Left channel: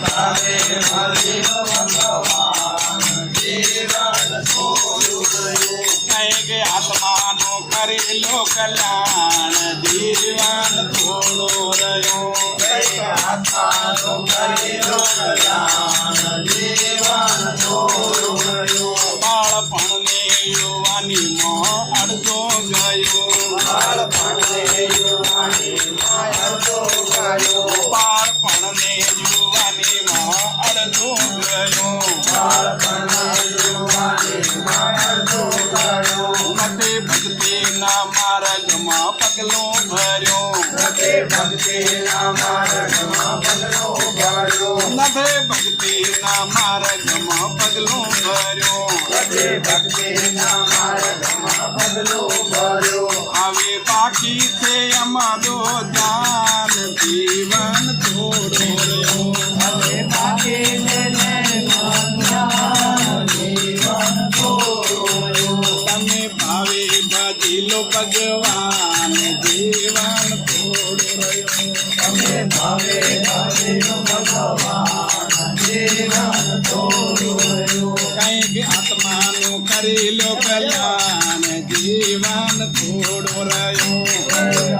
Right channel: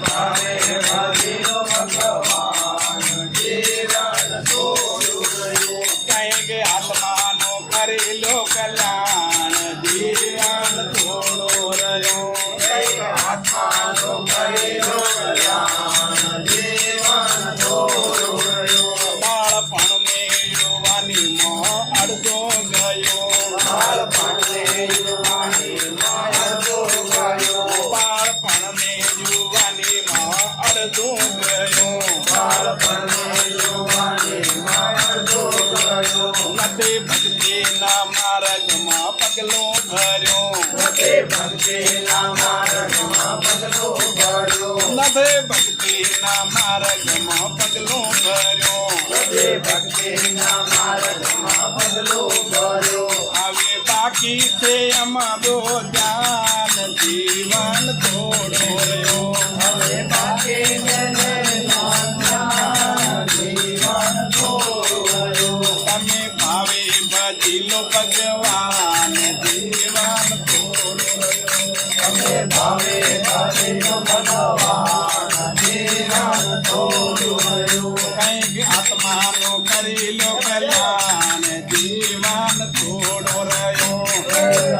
ભાવે ભજ્યો ભગવાન જીવન થોડું રહ્યું કંઈક આત્માનો કરેલો કલ્યાણ જીવન થોડો રહ્યો કંઈક આત્માનો કરેલો કલ્યાણ જીવન થોડું રહ્યું બાળપણને યુવાનીમાં અડધો ગયો બાળપણને યુવાનીમાં અડધો ગયો બાળપણને યુવાનીમાં અડધો ગયો બાળપણને યુવાનીમાં અડધો ગયો મતે ભક્તિના માર્ગમાં પગલો ભર્યો રતે ભક્તિના માર્ગમાં પગલો ભર્યો નભે ભક્તિના માર્ગમાં પગલો ભર્યો રતે ભક્તિના માર્ગમાં પગલો ભર્યો હવે બાકી છે અમારો જ્ઞાન જીવન થોડો રહ્યો હવે બાકી જીવન થોડું રહ્યું તમે ભાવે ભજી લો ભગવાન જીવન થોડો રહ્યો તમે ભાવે ભજ્યો ભગવાન જીવન થોડું રહ્યું કંઈક આત્માનો કરેલો કલ્યાણ જીવન થોડો રહ્યો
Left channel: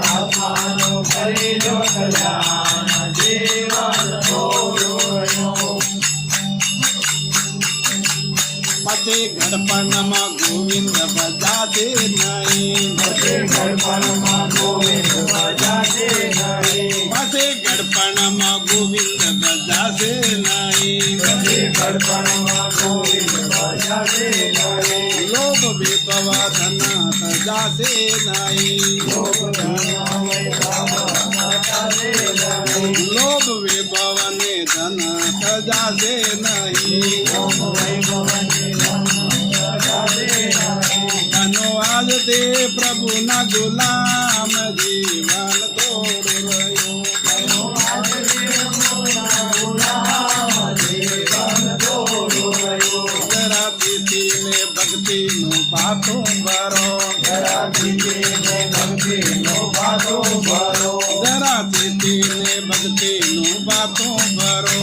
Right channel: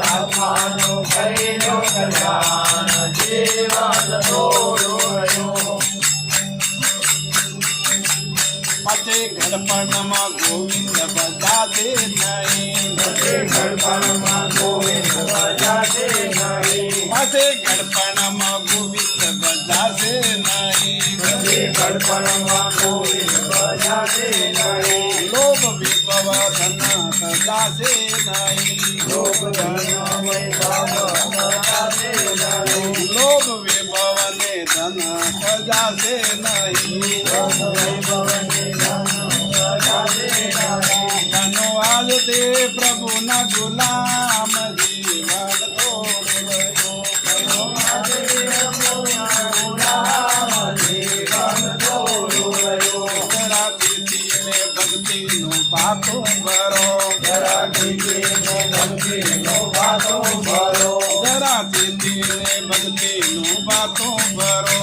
આત્માનું કરેલો કલ્યાણ જીવન થોડું રહ્યું પછી ઘડપણમાં ગોવિંદ બજાતે નહીં ઘડપણમાં ગોવિંદ બજાતે નહીં પછી ઘડપણમાં ગોવિંદ બજાતે નહીં ઘડપણમાં ગોવિંદ બજાતે નહીં લોભ વિભવ ધન સજાશે નહીં લોભ વિભવ ને ધન સજાશે નહીં ધનો આજ તે પ્રભુના ગુલામ જીવન થોડું રહ્યું જરા પીતીને ભક્તિનું પાથું ભરો જરા પીતીને ભક્તિનું પાથું ભરો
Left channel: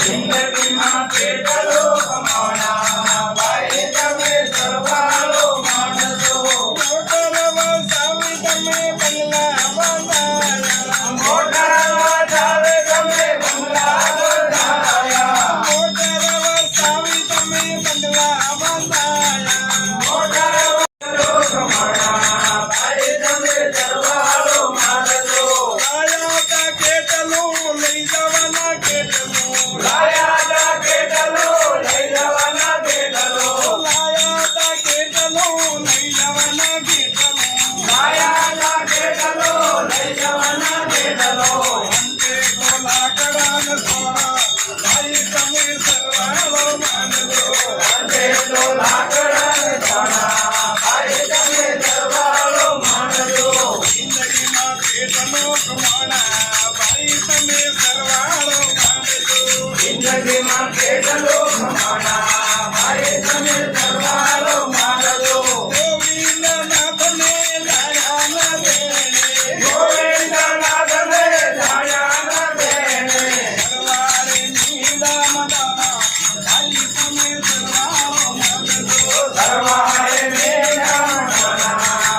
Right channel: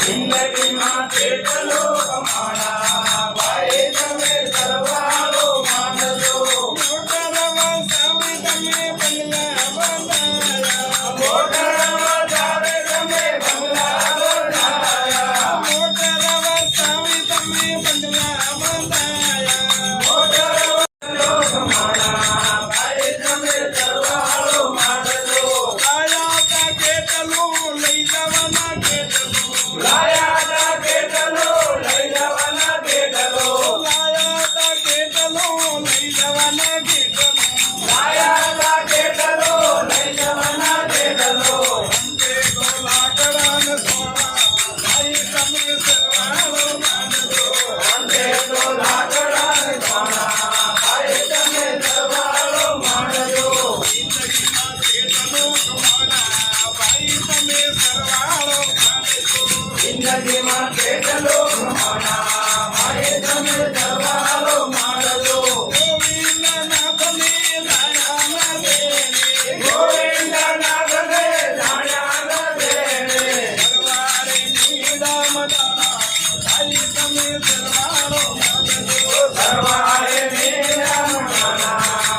જિંદગીમાં કેટલો કમાણા ભાઈ તમે સરવાળો માનજો મોટર વસાવી તમે બંગલા બનાયા મોટર વધારે તમે બંગલા બનાયા મોટર વસાવી તમે બંગલા બનાયા મોટર કેટલો કમાણા ભાઈ તમે સરવાળો માનજો આયા તા કેટલું લઈ જવાના કેટલું લાયા તા કેટલો લઈ જવાના કેટલો લાયા તા કેટલું લઈ જવાના કેટલું લાયા તા કેટલો લઈ જવાના કેટલો અંતે તો લાકડા ને સોના ભાઈ તમે સરવાળો માનજો અંતે તો લાકડા ને સોના ભાઈ તમે સરવાળો માનજો જિંદગીમાં કેટલું કમાણા ભાઈ તમે સરવાળો માનજો જિંદગીમાં કેટલો કમાણા ભાઈ તમે સરવાળો માનજો ગોવિંદનાથને જાણ્યા ન દેણે ગોવિંદનાથને જાણ્યા ન દેણે સરવાળેની દામદાણા ભાઈ તમે સરવાળો માનજો સરવાળે મેળાના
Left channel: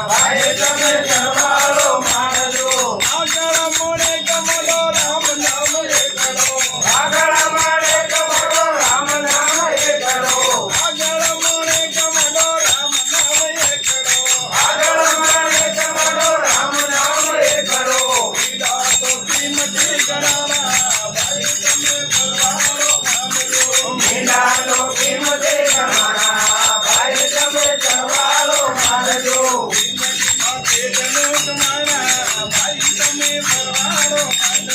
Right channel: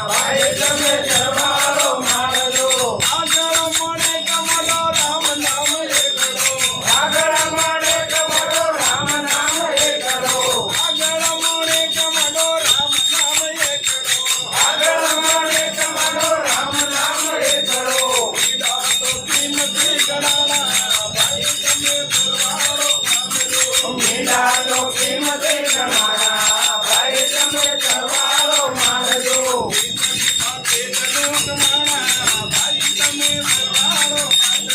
ભાઈ તમે સરવાળો માનજો આગળ મળે કમલો રામ નામ એકડો આગળ માડે કમળો રામ નામ એકડો આગળ મળે કમલો રામ નામ એકડો આગળ માડે કમળો રામ નામ એકડો પીડા તો કિંમતી ગણાણા ભાઈ તમે સરવાળો માનજો મીંડા તો કિંમતે કમાણા ભાઈ તમે સરવાળો માનજો જિંદગીમાં કેટલું કમાણા ભાઈ તમે સરવાળો માનજો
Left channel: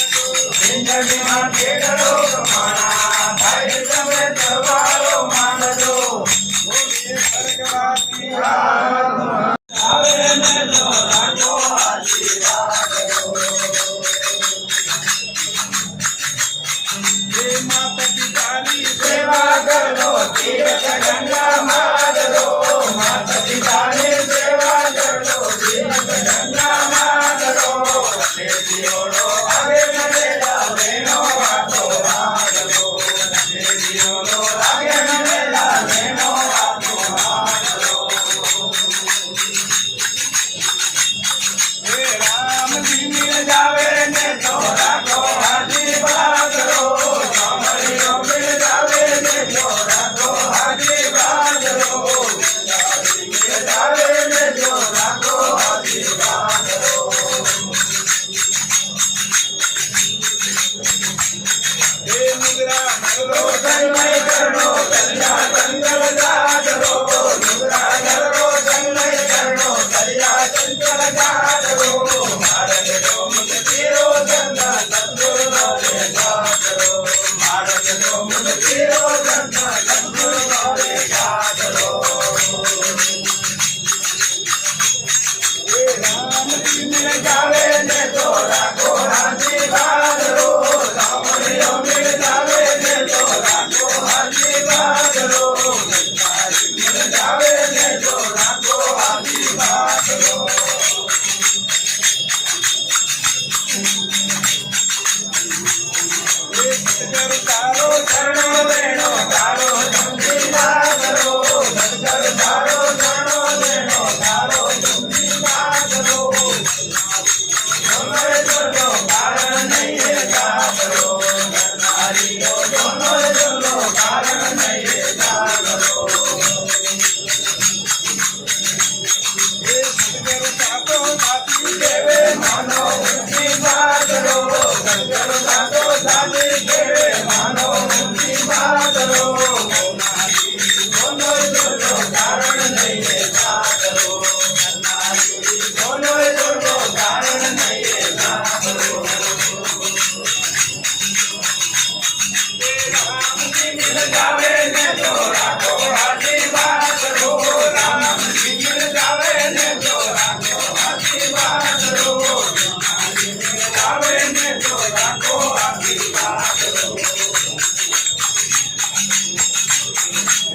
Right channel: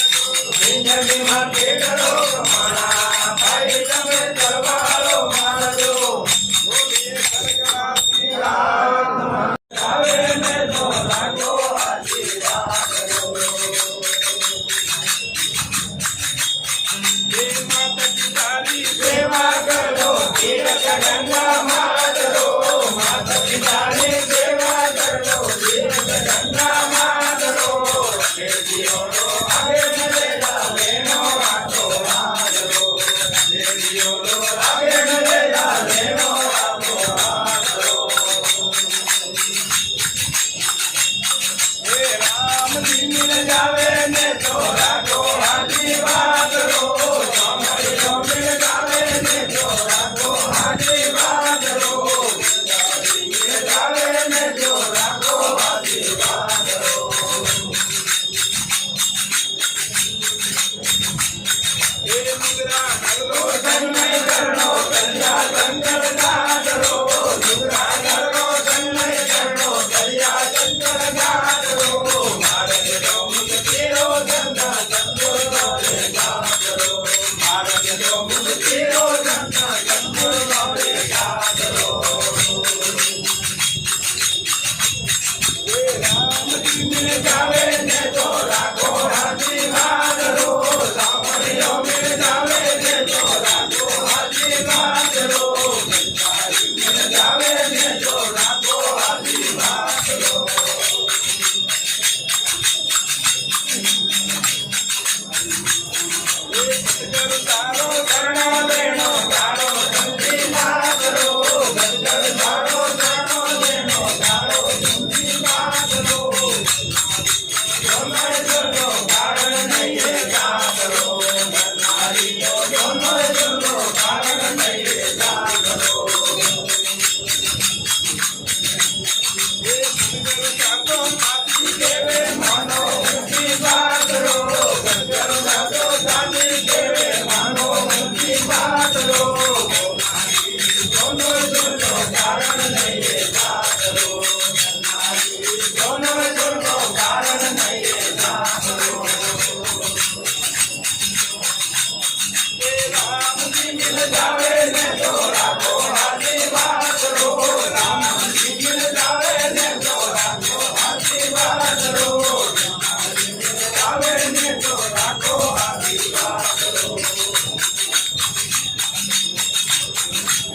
લાવે ને તો રાખો આશીર્વાદ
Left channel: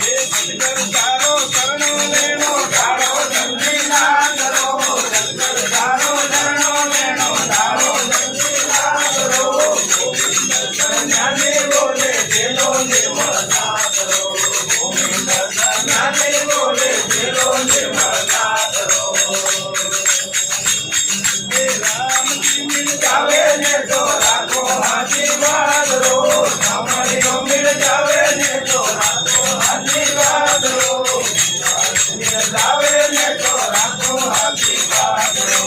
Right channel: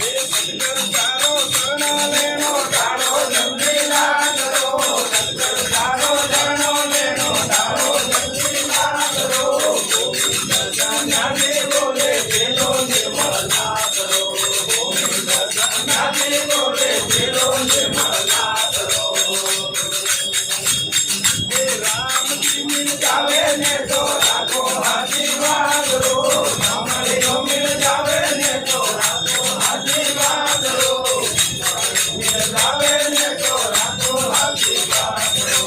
હે સદગુરુ તારો શરણો લેણો તારો જલ્દી ના કરો સદગુર તારો શરણો લેણો તારો જલ્દી ના કરો ગોવિંદ સંન્યાસી બોલે જેલો નિર્મળતા કરો ગોવિંદ સંન્યાસી બોલે જેલો નિર્મળતા કરો હે રામજી મિલ જાવે ને તો રાખો આશીર્વાદ રો સાંભળ્યો મિલ જાવે ને તો રાખો આશીર્વાદ રો મિલ જાવે ને તો રાખો આશીર્વાદ રો